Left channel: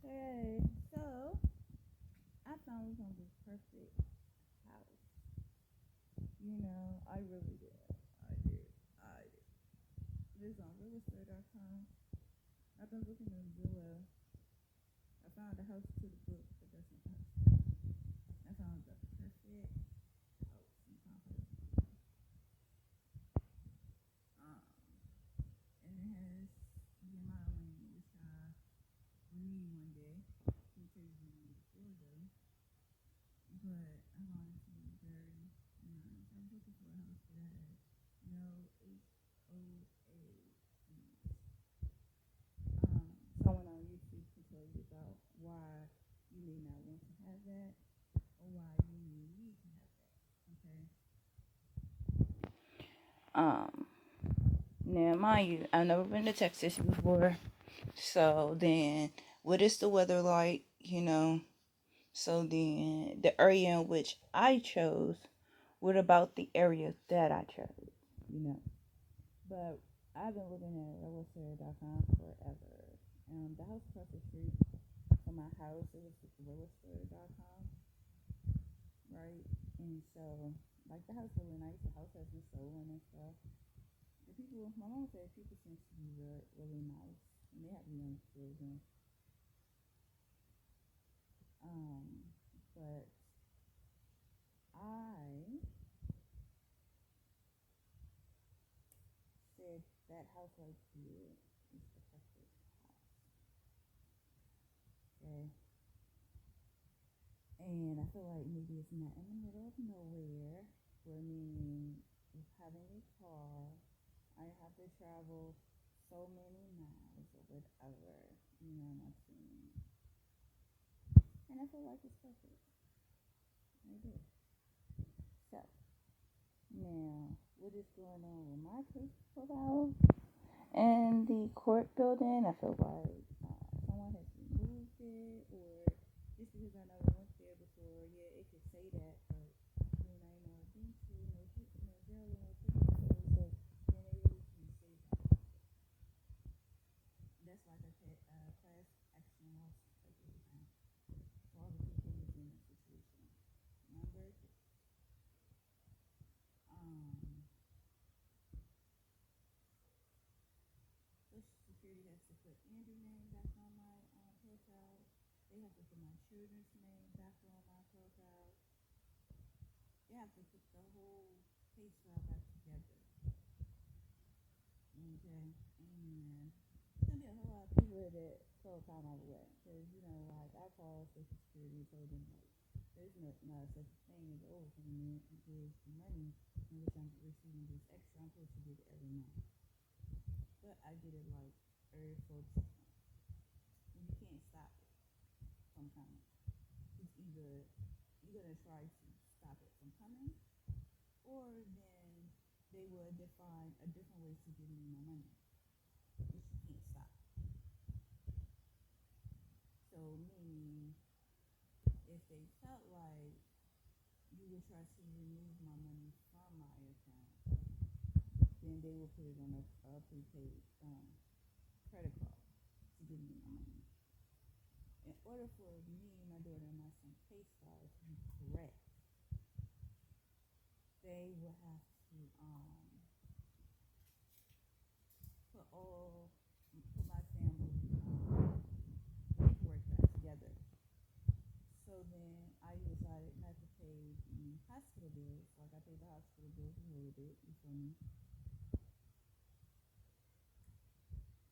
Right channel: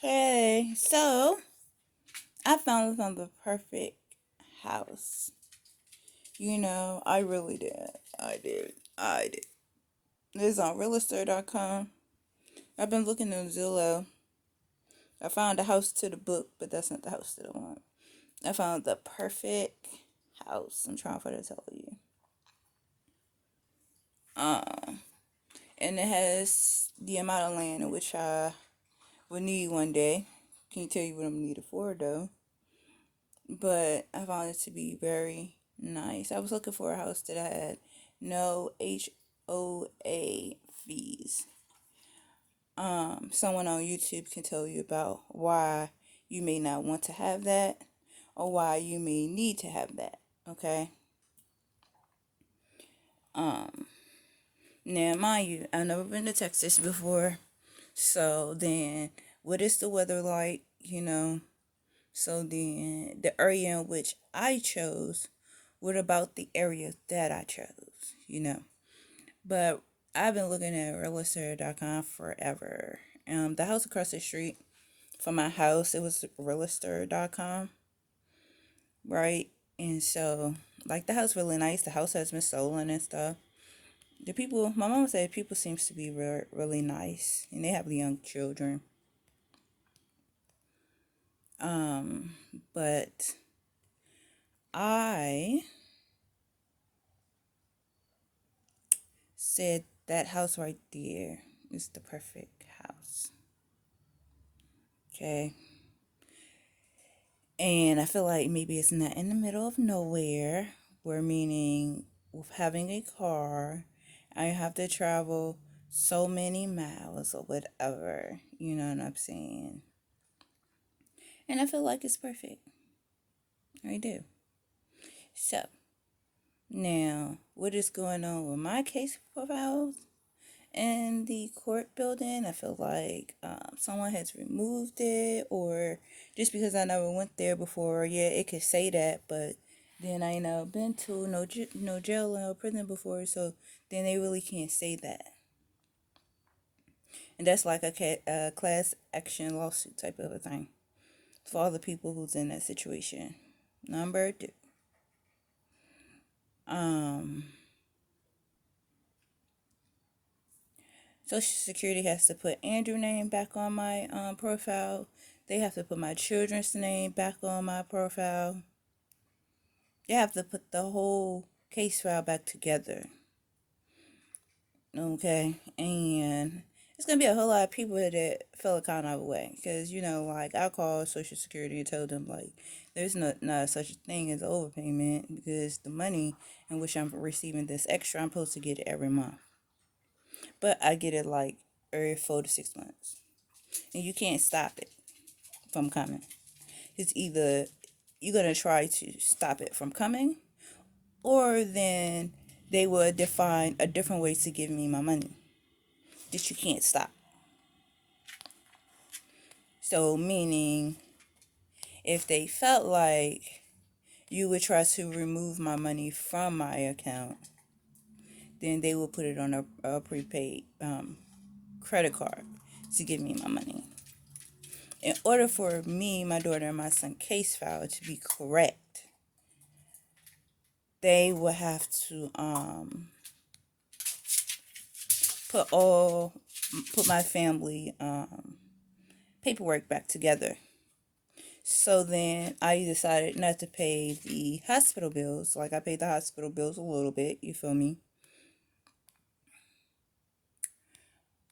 Hey, so I found the perfect house. I really did. I did. This is on realestate.com. I've been looking on Zillow. I found a house to the book, but that's not the house that I want. I found the perfect house. I'm trying to tell you. Um, and it has the amount of land in which I would need one day. Can you tell you what I'm needed for though? But I found it to be very nice. I was looking for a house that had no HOA fees. Someone on YouTube can tell you about why you may not want to have that or why you may need to have that. Okay. Um, Now, mind you, I've never been to Texas before. So then, what is the weather like? So then, the area in which I chose, what about the area that I chose? But I've been looking at realtor.com forever. The house across the street from my house, it was realtor.com, right? And so, like, the house really nice. The house has been stolen and stuff. The people, my mom said, people seems to be really nice, and they have young children. Um, but I said that house right there is the perfect house. Okay. And I feel like maybe it's not in the middle of nowhere, where meaning with having a car, I have to travel so many miles or whatever. You know what I'm saying? And I feel like it's perfect. I do. So, now, what is going on with my case profiles in the court building? I feel like someone has removed it, or just because I never went there before, yeah, it could say that, but then I ain't never been to no jail or no prison before, so then they really can't say that. And that's like a class action lawsuit type of a thing for all the people who's in that situation. Number two. Um, Social Security has to put Andrew name back on my profile. They have to put my children's name back on my profile. They have to put the whole case file back together. Okay, and it's gonna be a whole lot of people that feel kind of way because like I called Social Security and told them like there's not such a thing as overpayment because the money in which I'm receiving this extra, I'm supposed to get it every month, but I get it like every 4 to 6 months, and you can't stop it from coming. It's either you're gonna try to stop it from coming, or then they will define a different way to give me my money that you can't stop. So meaning, if they felt like you would try to remove my money from my account, then they will put it on a prepaid credit card to give me my money. In order for me, my daughter, and my son case file to be correct, they will have to put all put my family paperwork back together. So then I decided not to pay the hospital bills. Like I paid the hospital bills a little bit, you feel me?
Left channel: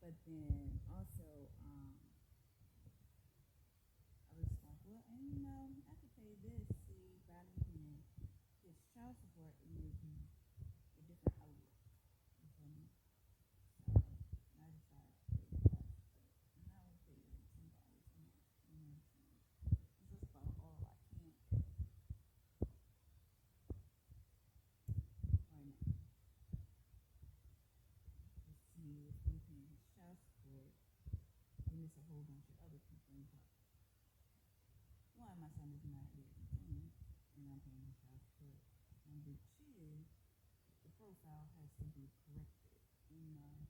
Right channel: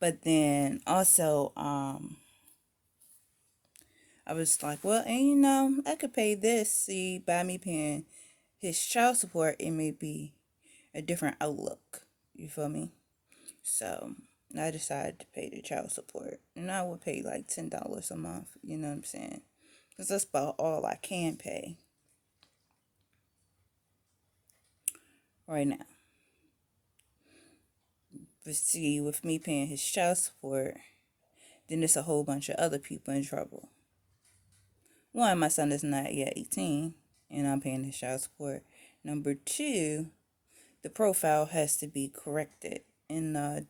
But then also I was like, well, and I could pay this. See, by me paying his child support, it may be a different outlook. You feel me? So I decided to pay the child support, and I would pay like $10 a month. You know what I'm saying? Because that's about all I can pay right now. But see, with me paying his child support, then there's a whole bunch of other people in trouble. One, my son is not yet 18, and I'm paying his child support. Number two, the profile has to be corrected in the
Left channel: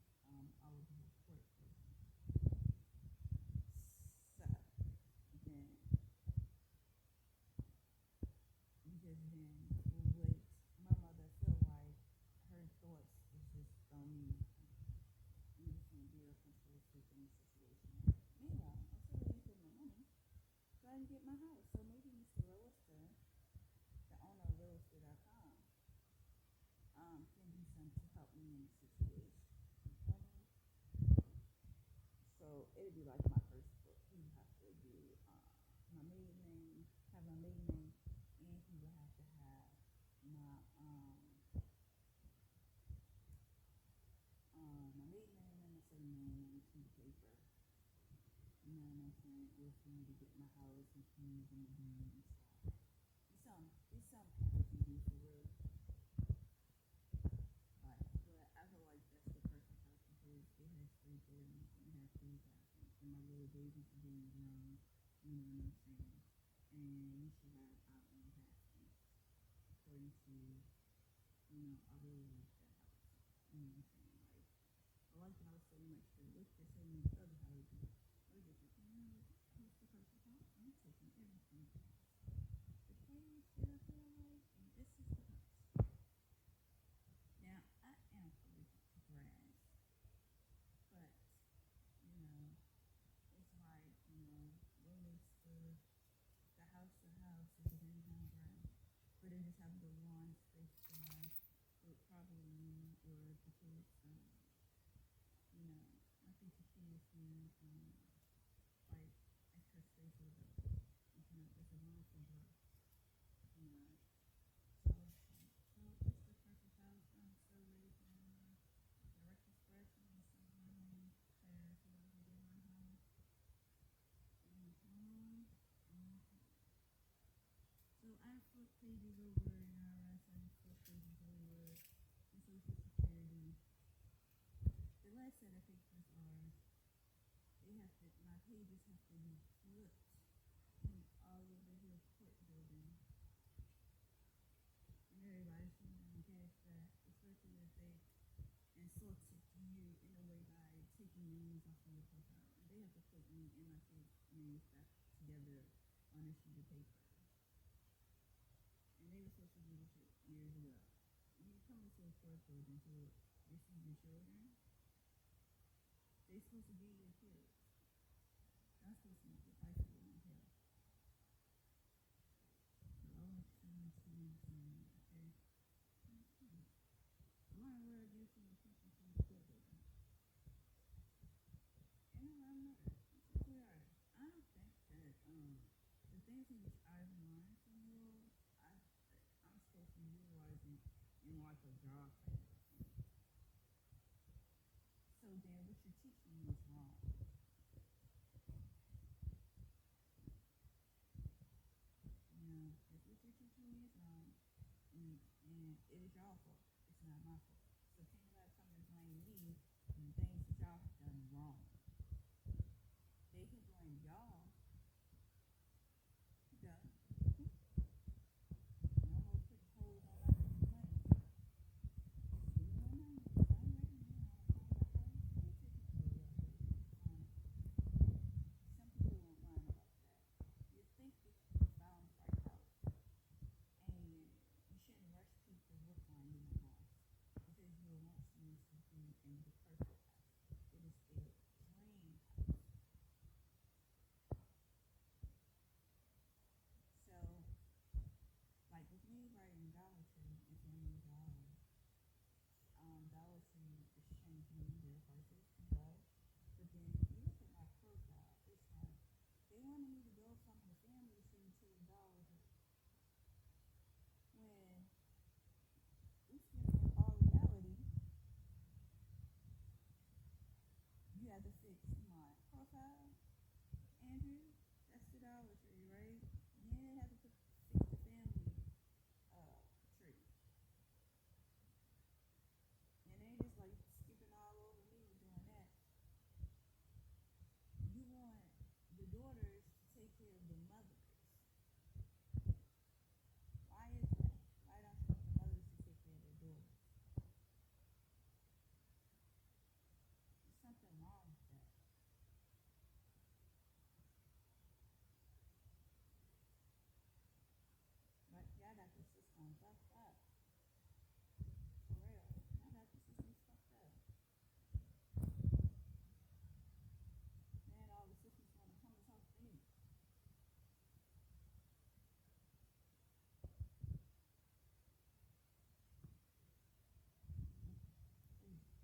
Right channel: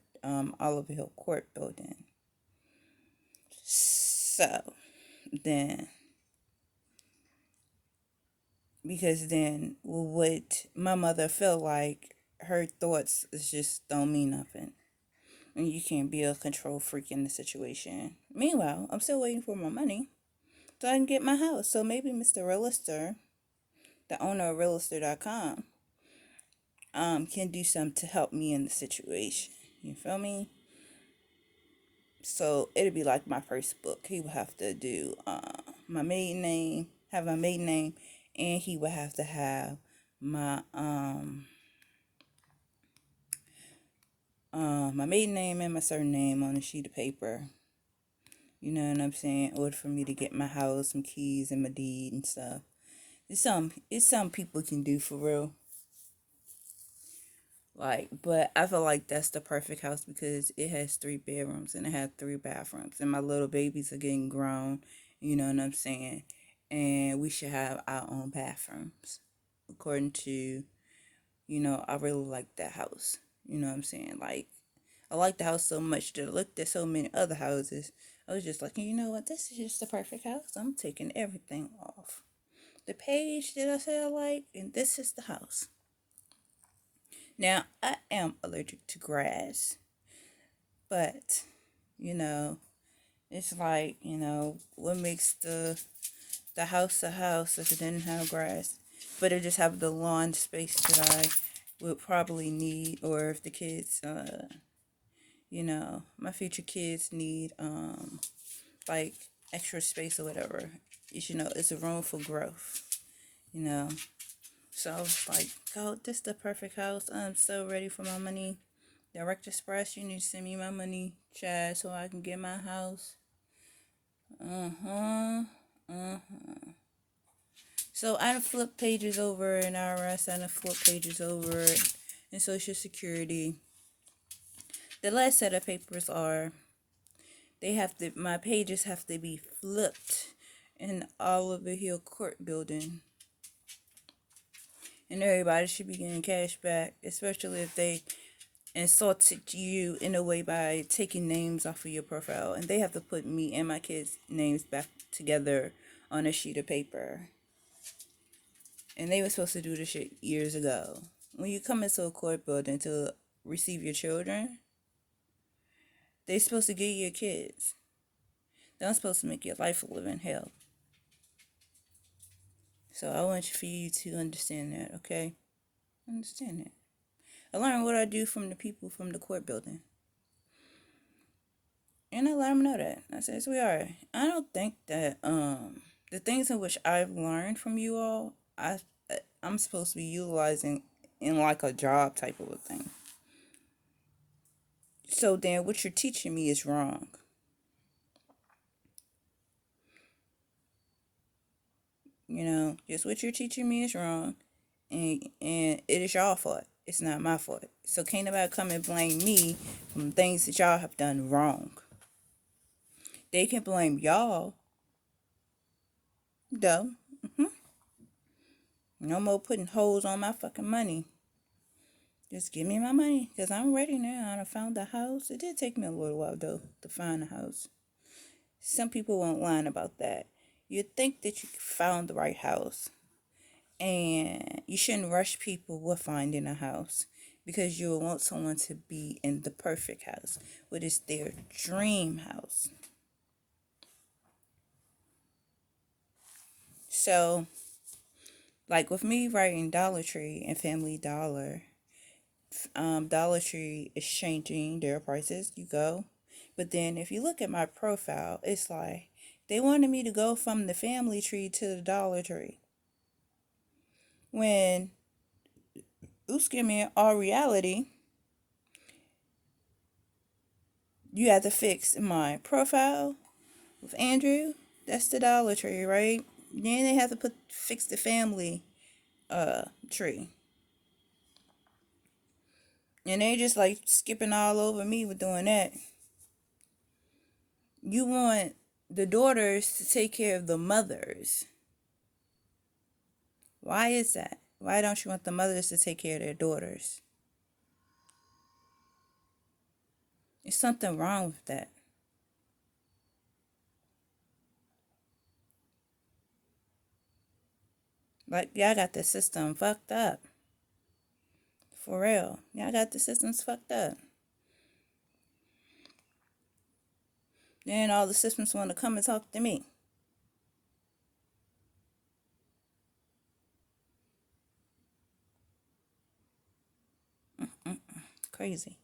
Oliver Hill Court building. So then, because then what my mother felt like, her thoughts is just don't mean nothing. And you can't be a control freak in the situation. Meanwhile, I'm still waiting for my money so I can get my house. So maybe Mr. Realtor, the owner of Realtor.com, can do something to help me in the situation. You feel me? So it'd be like my first book. He would have to do my maiden name, have my maiden name, and he would have to have my my maiden name and my surname on a sheet of paper. You know what I'm saying? In order for me to get my house, some keys, and my deed and stuff. It's some people can do for real. Like, but I feel like that's the perfect house because it has 3 bedrooms and it has 3 bathrooms, and my little babies are getting grown. You know what I'm saying? And we should have our own bathrooms, according to, I really like that house. You know what I'm saying? Like, I like the house so much that I looked at so many other houses. I was just like, you know what? This is just the perfect house. I'm taking everything off the page that I said I like, and this is the house. Now, I am allergic to grass, but, you know, it's like, what makes the house a house if it didn't have grass? But it just have the lawn space that I would probably need, or if the kids, my future kids need, like, extra space or whatever. It's a room for growth, you know. So I was like, oh, this is the perfect house. I'm so ready for my money. Direct Express, you need to send me my money, Chad, so I can get my house. Uh-huh. Uh-huh. So I done flip pages over in IRS. I done flip pages over in Social Security. The last set of papers are, my pages have to be flipped in Oliver Hill Court building. And everybody should be getting cash back, especially if they insulted you in a way by taking names off of your profile. And they have to put me and my kids' names back together on a sheet of paper. And they were supposed to do this shit years ago. When you come into a court building to receive your children, they're supposed to get your kids. They're not supposed to make your life a living hell. So I want for you to understand that, okay? Understand that. I learned what I do from the people from the court building. And I let them know that. I said, sweetheart, I don't think that the things in which I've learned from you all, I'm supposed to be utilizing in like a job type of a thing. So then what you're teaching me is wrong. Just what you're teaching me is wrong, and it is y'all fault. It's not my fault. So can't nobody come and blame me from things that y'all have done wrong. They can blame y'all, though. No more putting holes on my fucking money. Just give me my money, because I'm ready now. I found the house. It did take me a little while, though, to find the house. Some people won't lie about that. You think that you found the right house, and you shouldn't rush people with finding a house, because you will want someone to be in the perfect house, what is their dream house. So, like with me writing Dollar Tree and Family Dollar, Dollar Tree is changing their prices. You go, but then if you look at my profile, it's like they wanted me to go from the Family Tree to the Dollar Tree. When, excuse me, in all reality, you have to fix my profile with Andrew. That's the Dollar Tree, right? Then they have to fix the family tree. And they just like skipping all over me with doing that. You want the daughters to take care of the mothers. Why is that? Why don't you want the mothers to take care of their daughters? There's something wrong with that. Like, y'all got the system fucked up. For real. Y'all got the systems fucked up. Then all the systems want to come and talk to me. Mm-mm. Crazy.